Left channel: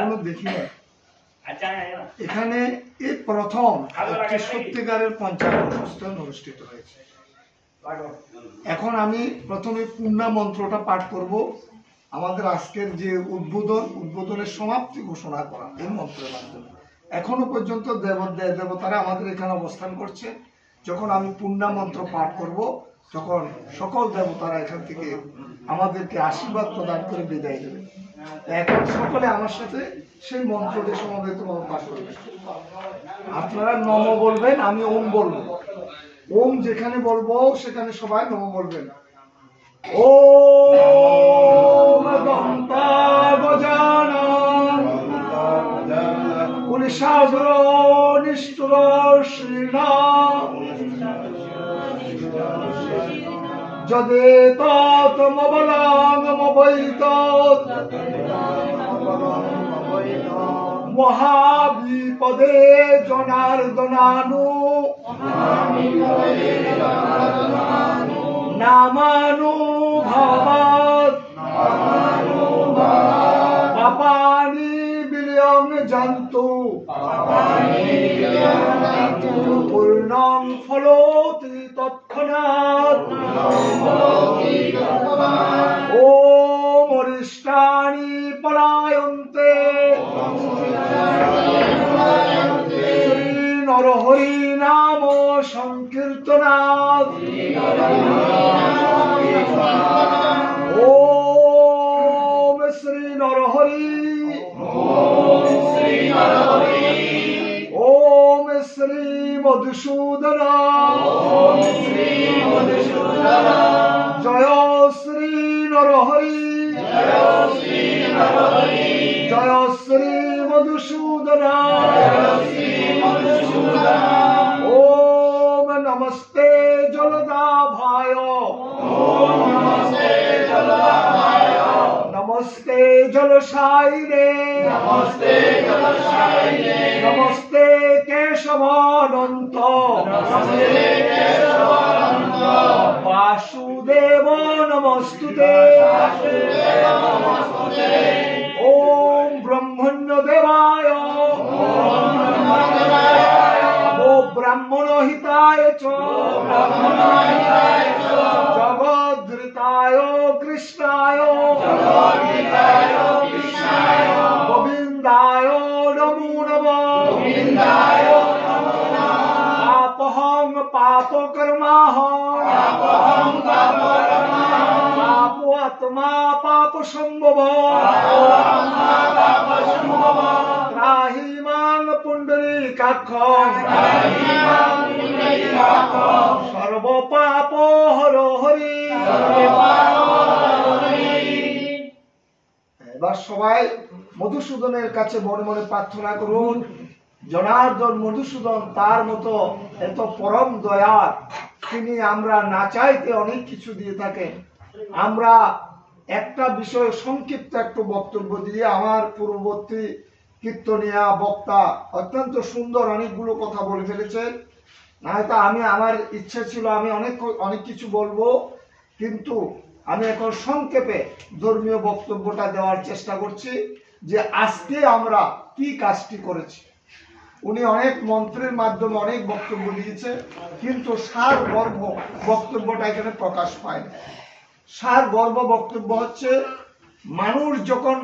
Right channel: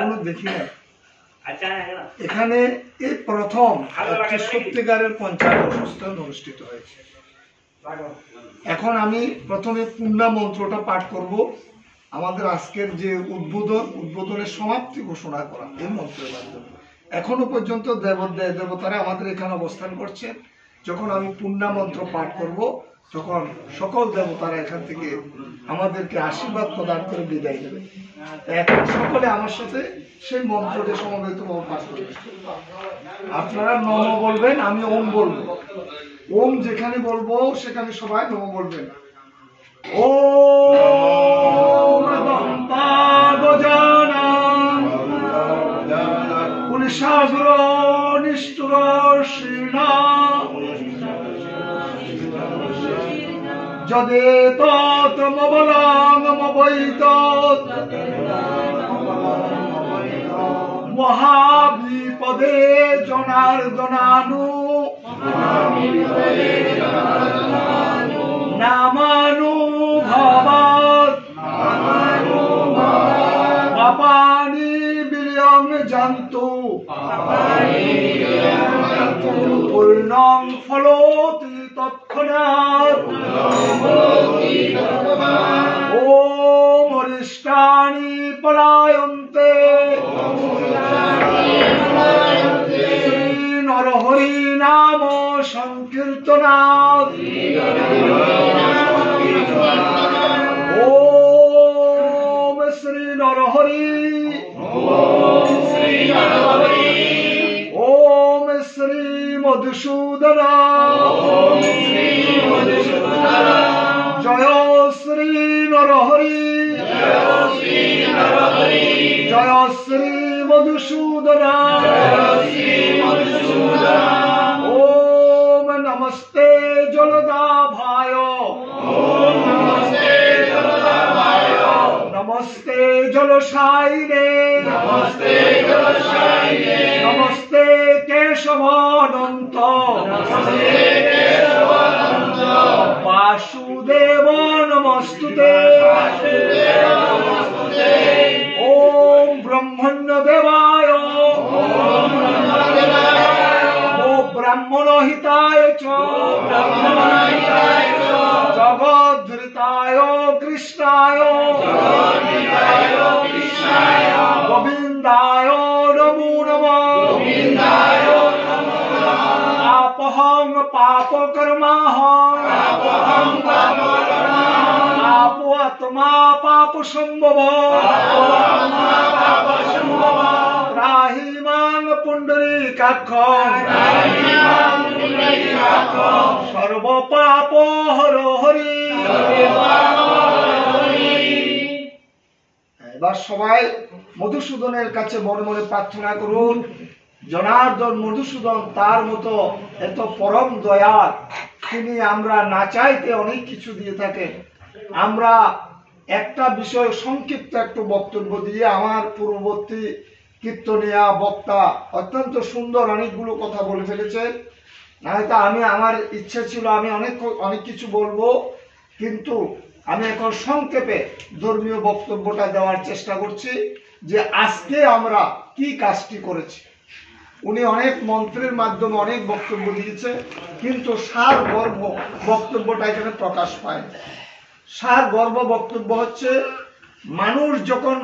এখনো দেখি না। এখানে এই প্রথম একটি সত্যিকারের পঞ্চায়েত অনুষ্ঠান অনুষ্ঠিত হয়েছে। এখন আমি প্রথমে পূর্ণা মন্ত্রটা পাঠ করব। আমাদের আজকের যে উদ্বোধনের সমাপ্তি ঘোষণা করা এই মন্ত্রের মাধ্যমে। এখনো পর্যন্ত দেবতারা আমাদের এখানে অবস্থান করছে। যখন আমি পূর্ণা মন্ত্র পাঠ করব তখন সকল দেবতারা এখান থেকে আমাদেরকে আশীর্বাদ প্রদান করে বিদায় দেবে। এখন সকলে আমার সাথে সেই মন্ত্রটি সমবেতভাবে পাঠ করবেন। আপনারা নম বলবেন, আমি ওম বলবো। ওম যেখানে বলবো সেখানে সবাই নম বলবেন। ওম দন্তাগজানন পুলিশাগ্র নিষ্ঠুর শ্রীনা যদে তৎমবলঙ্গমবৈতৎ মহাবিপদে জনার্দনানু নামানুভবাৎ পাপানি বিলয়ং জন্তু পূর্ণং ফলোতি তৎক্ষণাৎ ওম অরিষ্টানি পলায়ন্তে শ্রী নরহরি নাম সংকীর্তনাৎ ওম শ্রী নরহরি ওম শ্রী মধুসূদন জয় শ্রী নরহরি জয় শ্রী মধুসূদন ওম নমস্তে জলদাভায় নমস্তে জলশায়িনে নমস্তে কেশবানন্ত বাসুদেব নমস্তুতে ওম ব্রহ্মণ্য দেবায় ও ব্রাহ্মণ হিতায় চ জগদ্ধারিতায় কৃষ্ণায় গোবিন্দায় নমো নমঃ আপহং পাপ কর্মাহং পাপো আত্মা পাপ সম্ভব ত্রাহি মাং পুণ্ডরীকাক্ষং সর্ব পাপ হর হরি। এবার সবাই মধুসূদনের কাছে মনে মনে প্রার্থনা করুন, জনার্দন মধুসূদন তার মতো এত পরম দয়ার, তিনি আমরা না চাইতে অনেক কিছু দিয়ে থাকেন। আমরা একটা বিষয় সংক্ষিপ্ত একটু বক্তব্য দিয়ে, আমার পূর্ববর্তী কীর্তনিয়া বক্তা অত্যন্ত সুন্দর অনেকগুলো কথা বলে ফেলেছেন। নয়তো আমার ইচ্ছে ছিল আমি অনেক কিছু বলবো, কিন্তু আমি এখন সংক্ষেপে ধর্মীয় বক্তব্যটা দেওয়ার চেষ্টা করছি যে আজকে আমরা কি কাজটি করেছি। উনি অনেক মন্ত্রের মাধ্যমে অনেক বক্তব্য দিয়েছে, কিন্তু সারগর্ভ বক্তব্যটা এখানে প্রকাশ পায়। সারগর্ভ বক্তব্য হচ্ছে মানুষ যখন